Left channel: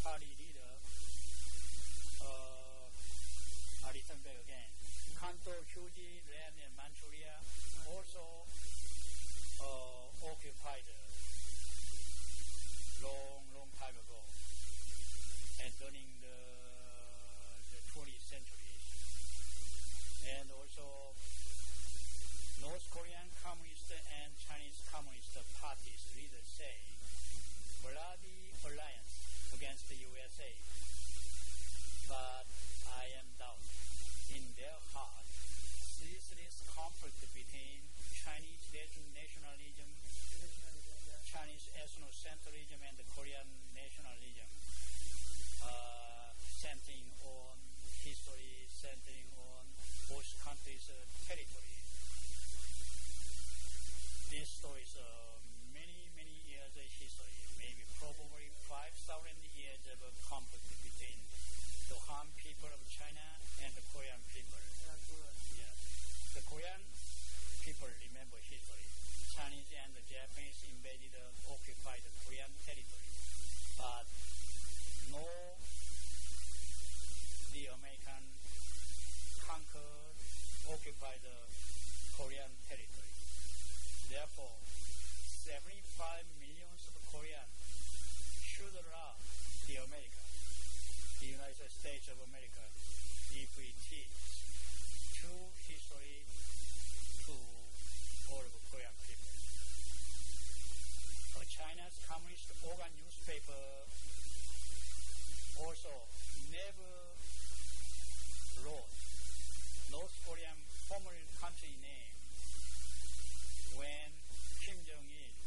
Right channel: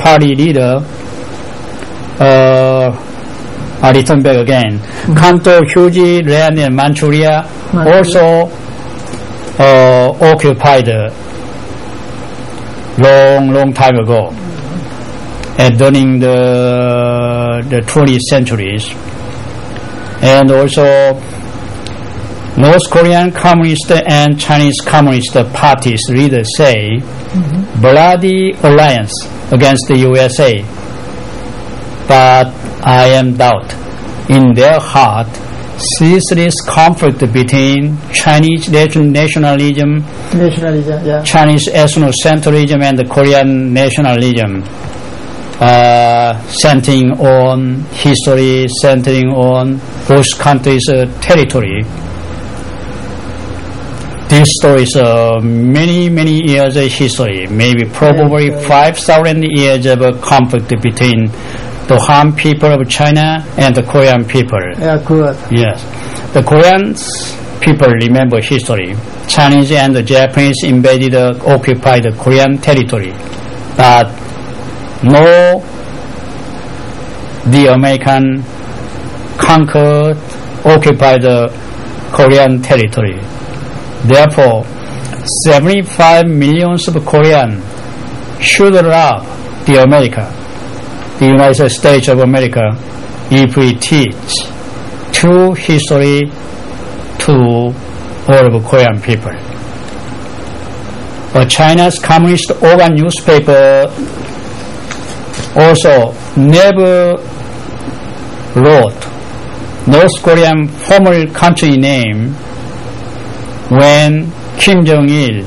Party leader, I return back again. Kanto, Huji, land in Manchuria also occupied long time ago, during the 20th centuries. And also North Korean Communist and Chinese Communist parties leaders say bloody alliance against the USA. But I am doubt in their heart ceaseless conflict between Chinese nationalism, Chinese ethnocentrism, and the Korean nationalism, centering on history, centering on both countries' territory. This story is many years of history, maybe probably 5,000 years of conflict between the Han people of China and the Korean people. Yeah, good. Yes. The Korean people remember history. Chinese and the Japanese invaded, occupied the Korean territory. But no, the American conquered, occupied the Korean territory. Therefore, 75 million of Koreans should love the America, the United States of America, if we teach true history to all of Korean people. China's Communist organ newspaper also never wrote North Korean formal country name when Kim Jong-il,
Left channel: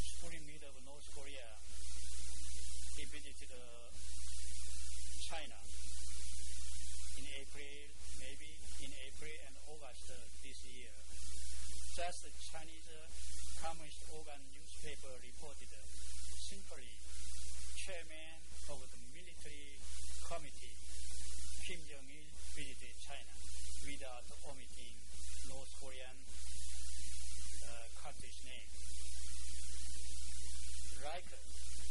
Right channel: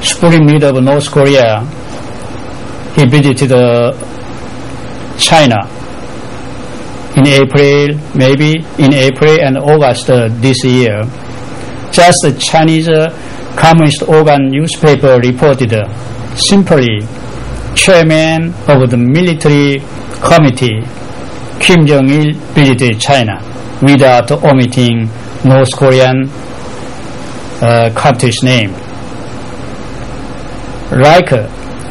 supreme leader of North Korea, he visited China in April, maybe in April and August this year. Just the Chinese Communist organ newspaper reported simply chairman of the military committee, Kim Jong-il, visited China without omitting North Korean country's name. Like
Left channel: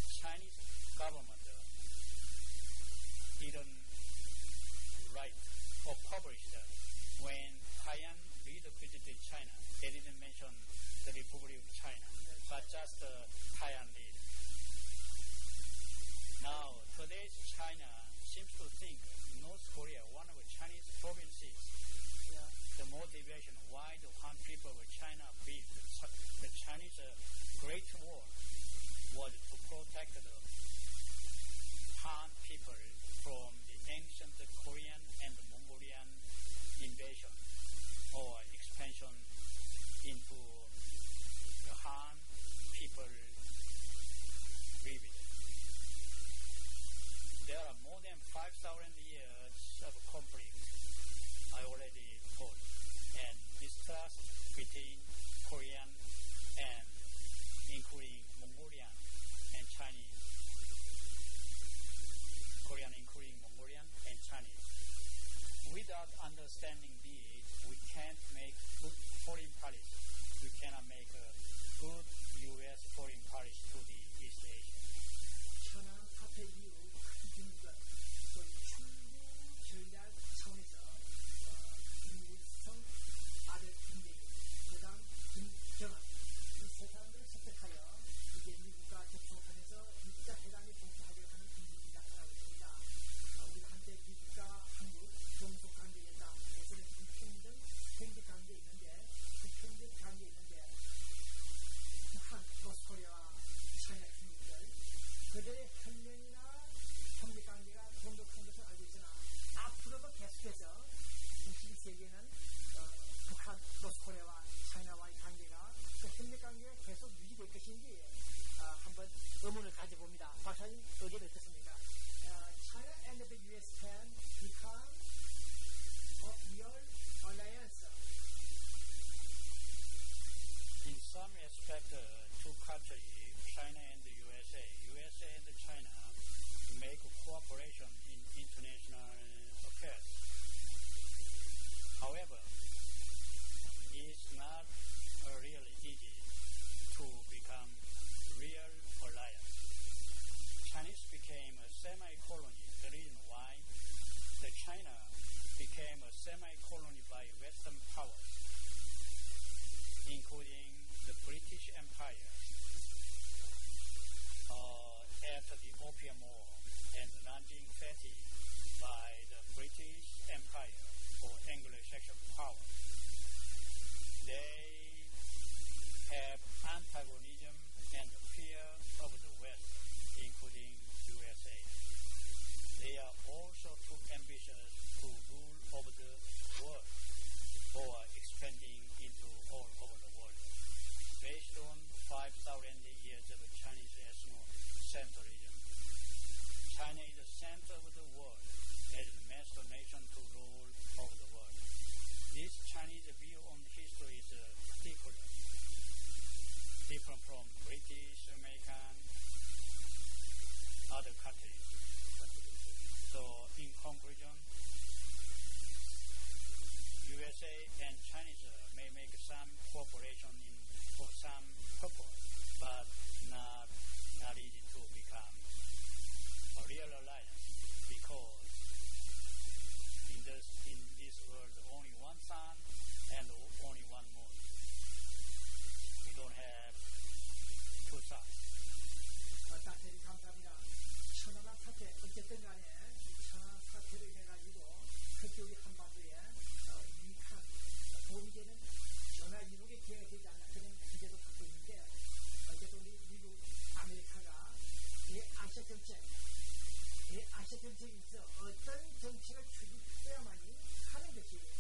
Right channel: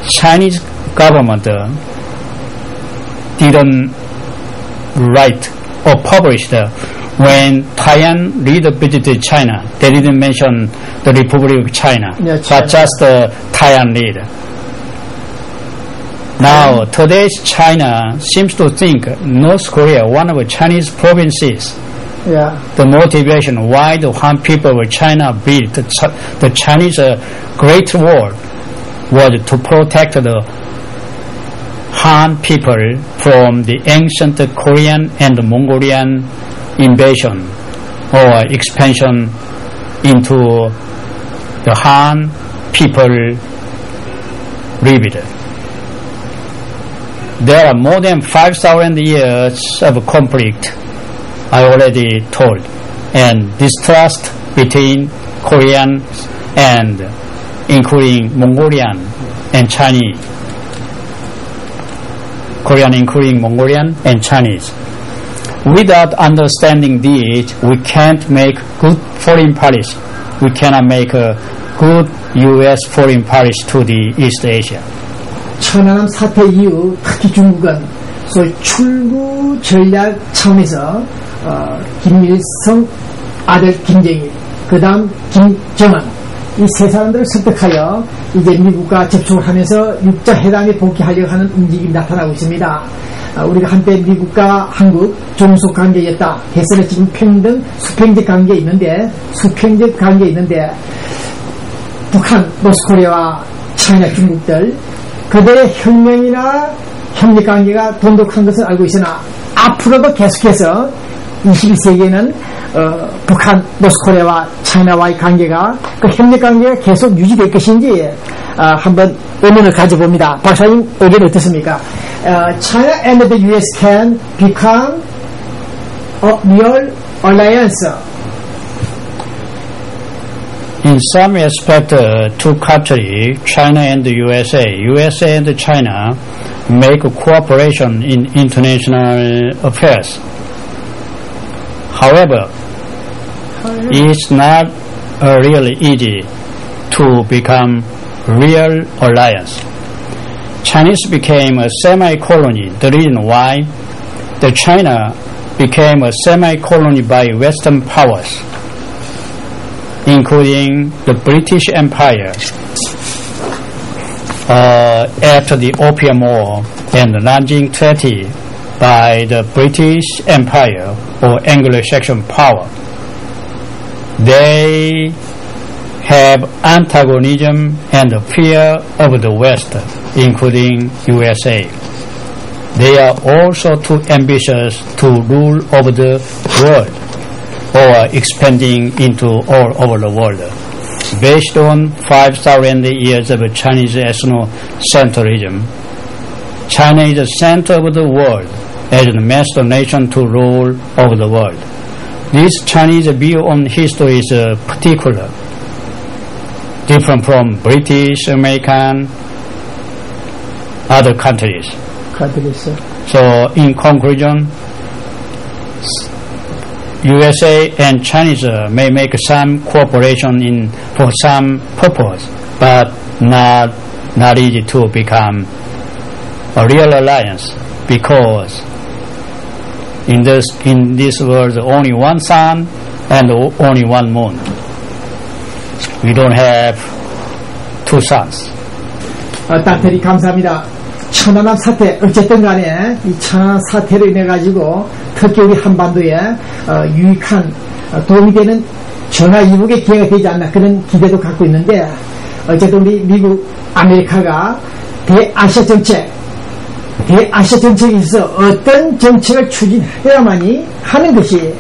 Chinese government didn't write or publish when Taiwan leader visited China. They didn't mention the Republic of China, but just the Taiwan leader. Now, today's China seems to think North Korea, one of the Chinese provinces, the motivation why the Han people of China built the Chinese Great Wall was to protect the Han people from the ancient Korean and Mongolian invasion or expansion into the Han people lived. There are more than 5,000 years of conflict, I already told, and distrust between Koreans and including Mongolian and Chinese. Korean including Mongolian and Chinese. Without understanding this, we can't make good foreign policy. We cannot make a good U.S. foreign policy to the East Asia. 천안함 사태 이후 특히 중국은 소위 출구 전략 차원에서 김일성 아들 김정일, 그 다음 김정은 이 세 사람들을 설득하여 이제 미국과 접촉을 하면서 육자회담에 복귀하려고 하는 움직임이 나타나고 있습니다. 우리가 한때 미국과 한국 종속 관계였다 해서 지금 평등 수평적 관계에 있는데 북한, 노스코리아와 차이나 중국들 그들의 혁명이나 협력관계가 돈독한 것을 알고 있으나 앞으로도 계속해서 21세기에는 북한, 노스코리아와 차이나와의 관계가 그 협력관계가 계속 유지될 것인지 한번 의문을 가져봅니다. 박사님 의견 어떻습니까? China and the US can become a real alliance. In some respect, two countries, China and the USA and China, make cooperation in international affairs. However, it's not really easy to become real alliance. Chinese became a semi-colony. The reason why the China became a semi-colony by Western powers, including the British Empire after the Opium War and the Nanjing Treaty by the British Empire or Anglo-Saxon power. They have antagonism and fear of the West, including USA. They are also too ambitious to rule over the world or expanding into all over the world. Based on 5,000 years of Chinese ethnocentrism, China is the center of the world as the master nation to rule over the world. This Chinese view on history is particular, different from British, American, other countries. So in conclusion, USA and China may make some cooperation for some purpose, but not easy to become a real alliance, because in this world only one sun and only one moon. We don't have two suns. 따뜻히 감사합니다. 천안함 사태, 어쨌든 간에 이 천안함 사태로 인해 가지고 특히 우리 한반도에 유익한 도움이 되는 전화 이북의 기회가 되지 않나 그런 기대도 갖고 있는데, 어쨌든 우리 미국, 아메리카가 대아시아 정책에 있어서 어떤 정책을 추진해야만이 하는 것이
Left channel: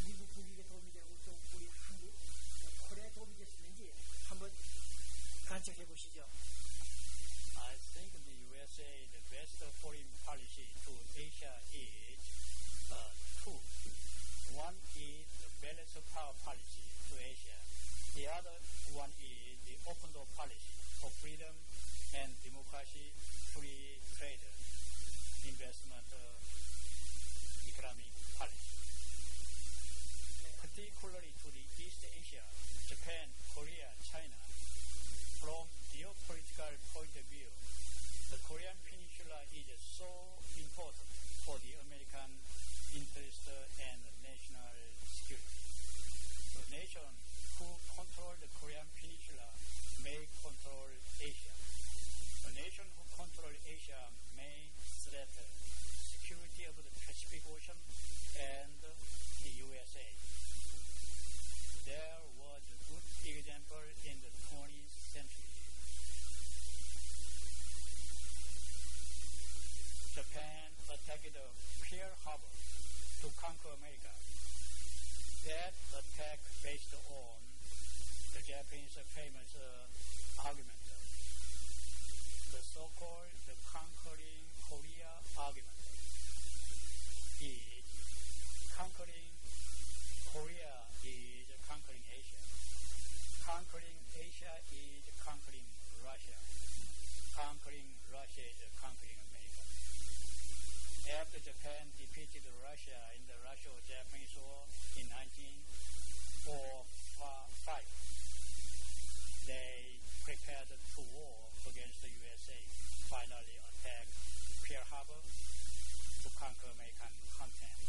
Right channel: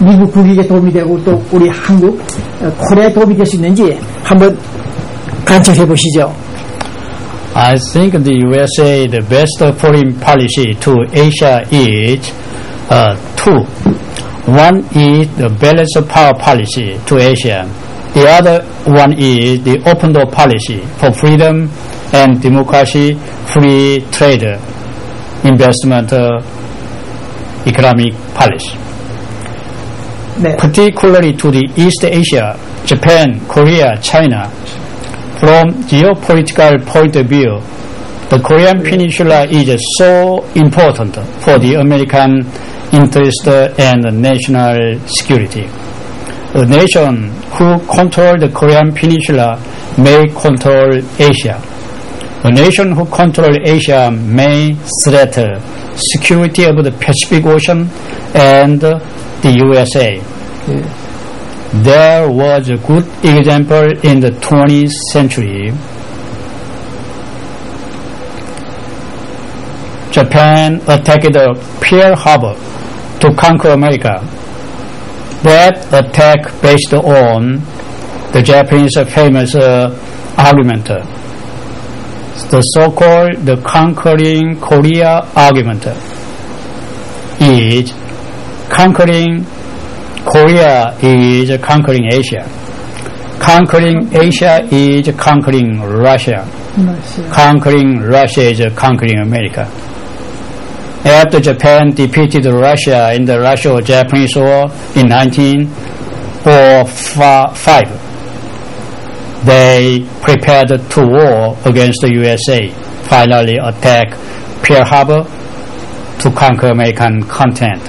미국 국익에 도움이 되고 또 우리 한국, 코리아에 도움이 될 수 있는지 한번 관찰해 보시죠. I think the USA, the best foreign policy to Asia is two. One is the balance of power policy to Asia. The other one is the open door policy for freedom and democracy, free trade, investment, economic policy. 네. Particularly to the East Asia, Japan, Korea, China. From geopolitical point of view, the Korean Peninsula is so important for the American interest and national security. A nation who controls the Korean Peninsula may control Asia. A nation who controls Asia may threaten security of the Pacific Ocean and the USA. Yeah. There was a good example in the 20th century. Japan attacked Pearl Harbor to conquer America. That attack based on the Japanese famous argument, the so-called the conquering Korea argument, is conquering Korea is conquering Asia. Conquering Asia is conquering Russia. Conquering Russia is conquering America. After Japan defeated Russia in the Russo-Japanese War in 1945, they prepared to war against the USA, finally attack Pearl Harbor to conquer American continent.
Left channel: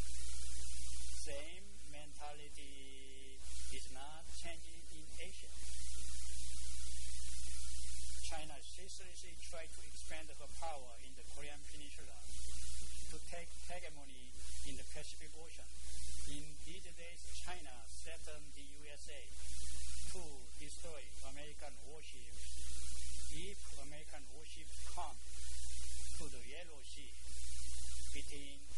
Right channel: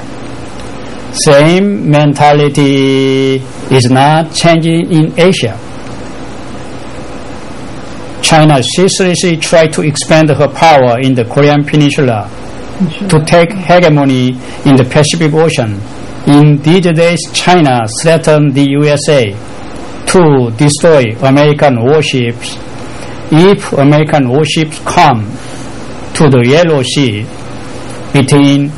Same mentality is not changing in Asia. China seriously tried to expand her power in the Korean Peninsula to take hegemony in the Pacific Ocean. In these days, China threatened the USA to destroy American warships if American warships come to the Yellow Sea between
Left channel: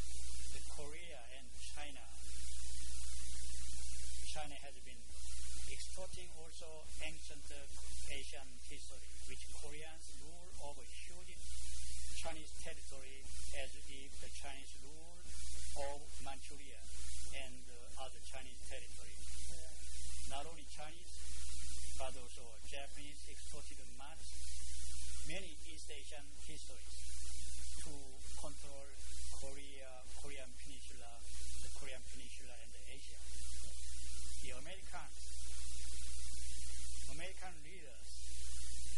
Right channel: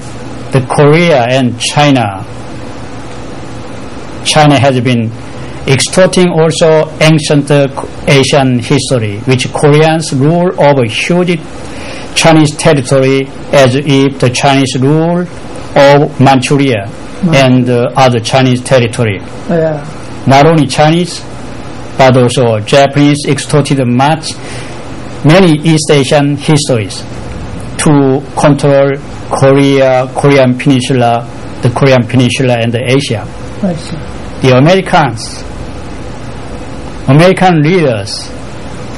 the Korea and China. China has been extorting also ancient Asian history, which Koreans rule over huge Chinese territory as if the Chinese rule of Manchuria and other Chinese territory. Yeah. Not only Chinese, but also Japanese extorted many East Asian histories to control Korean Peninsula, the Korean Peninsula and Asia. I see. The American leaders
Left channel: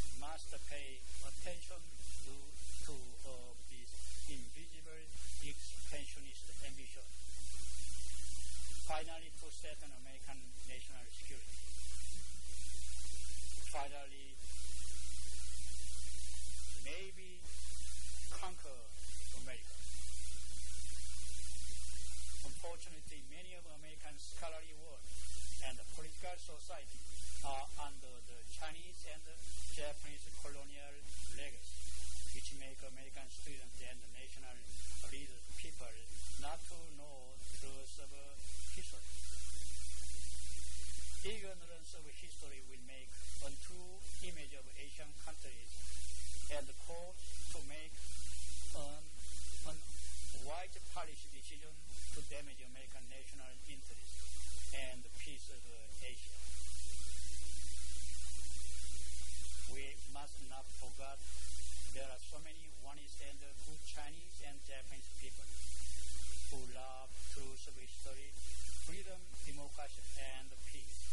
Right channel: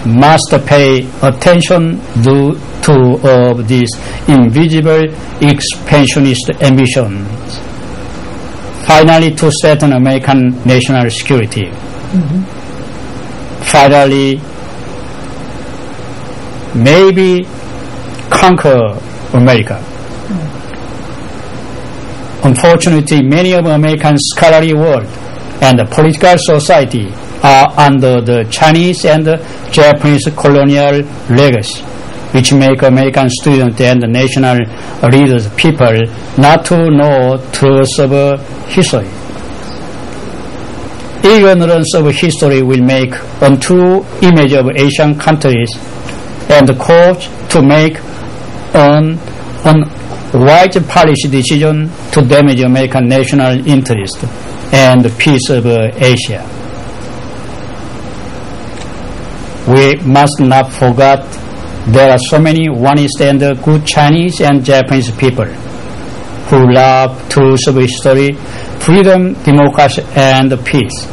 must pay attention to of these invisible expansionist ambitions. Finally, to strengthen American national security. Finally, maybe conquer America. Unfortunately, many of American scholarly world and the political society are under the Chinese and Japanese colonial legacy, which make American students and national leaders people not to know truths of history. Ignorance of history will make untrue image of Asian countries and cause to make an wise policy decision to damage American national interest and the peace of Asia. We must not forget there are so many honest and good Chinese and Japanese people who love truths of history, freedom, democracy, and peace.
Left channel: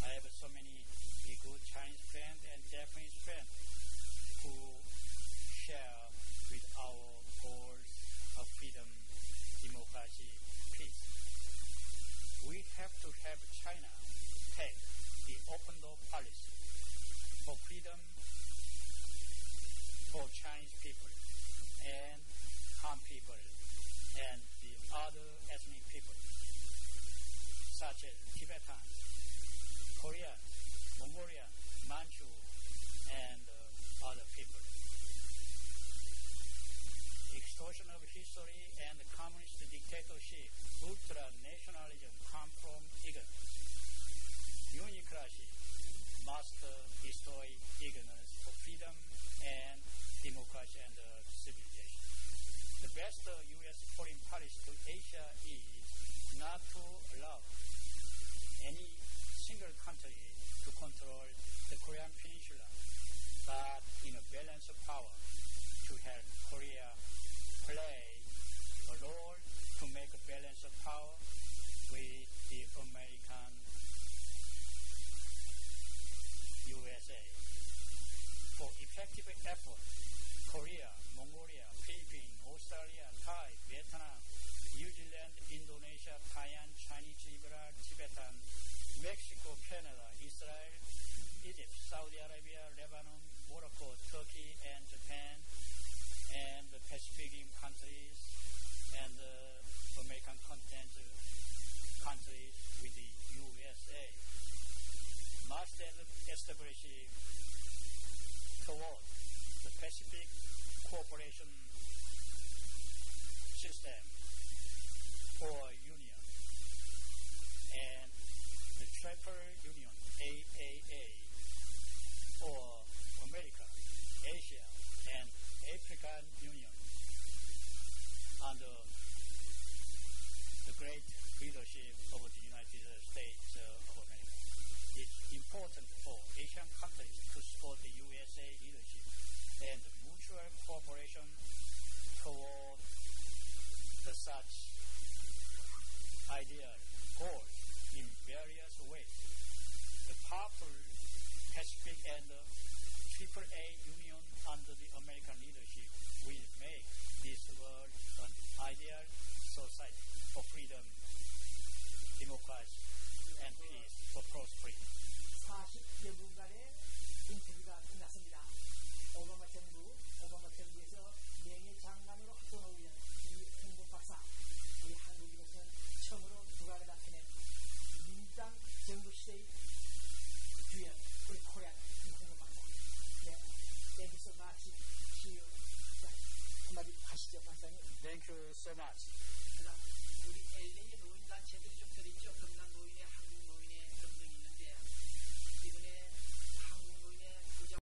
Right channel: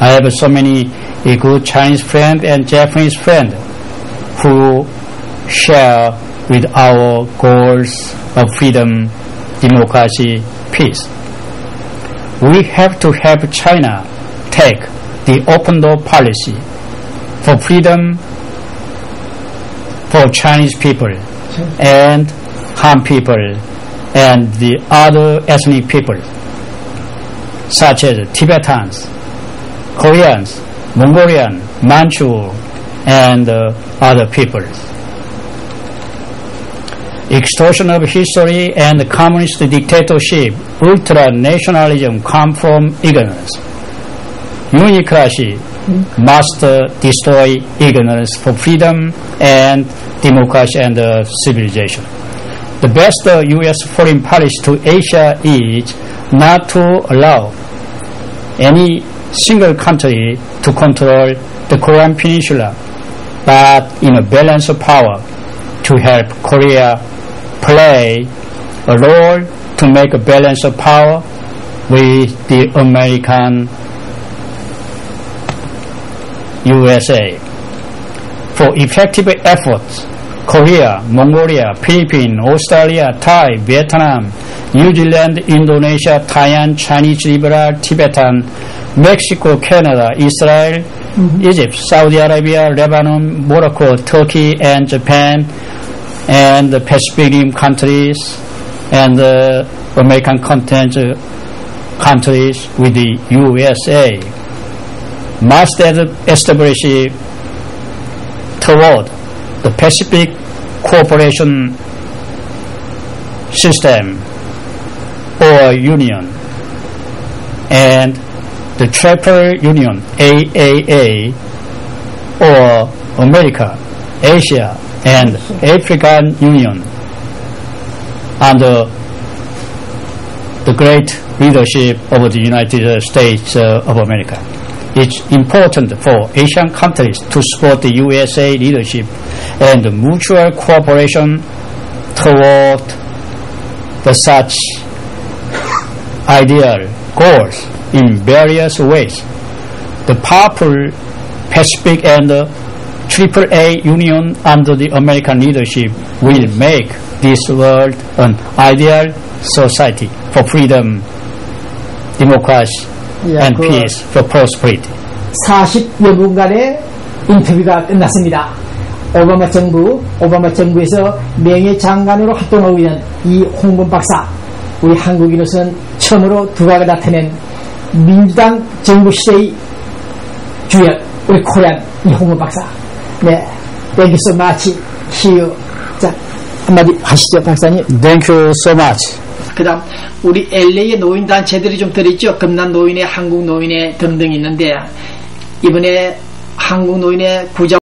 I have so many good Chinese friends and Japanese friends who share with our goals of freedom, democracy, peace. We have to help China take the open door policy for freedom for Chinese people and Han people and the other ethnic people such as Tibetans, Koreans, Mongolian, Manchu, and other peoples. Extortion of history and communist dictatorship, ultra-nationalism come from ignorance. Unicracy must destroy ignorance for freedom and democracy and civilization. The best U.S. foreign policy to Asia is not to allow any single country to control the Korean Peninsula, but in a balance of power to help Korea play a role to make a balance of power with the American USA. For effective efforts, Korea, Mongolia, Philippines, Australia, Thai, Vietnam, New Zealand, Indonesia, Thailand, Chinese liberal, Tibetan, Mexico, Canada, Israel, Egypt, Saudi Arabia, Lebanon, Morocco, Turkey, and Japan, and the Pacific Rim countries, and the American continental countries with the USA must establish toward the Pacific Cooperation System or Union and the Triple Union, AAA, or America, Asia, and African Union under the great leadership of the United States of America. It's important for Asian countries to support the USA leadership and mutual cooperation toward such ideal goals in various ways. The powerful Pacific and AAA Union under the American leadership will make this world an ideal society for freedom, democracy, and peace, for prosperity. 40여 분간의 인터뷰가 끝났습니다. 오바마 정부에서 명예 장관으로 활동하고 있는 이 홍범 박사, 우리 한국인으로서는 처음으로 두각을 나타낸 민주당 정부 시대의 주역, 우리 코리안 이 홍범 박사. 네, thank you so much. See you. 자, 한마디 하시죠, 박사님. Thank you so much. 그다음 우리 LA의 노인 단체들이 좀 들어있죠. 금난 노인회, 한국 노인회 등등 있는데 이번에 한국 노인회 구자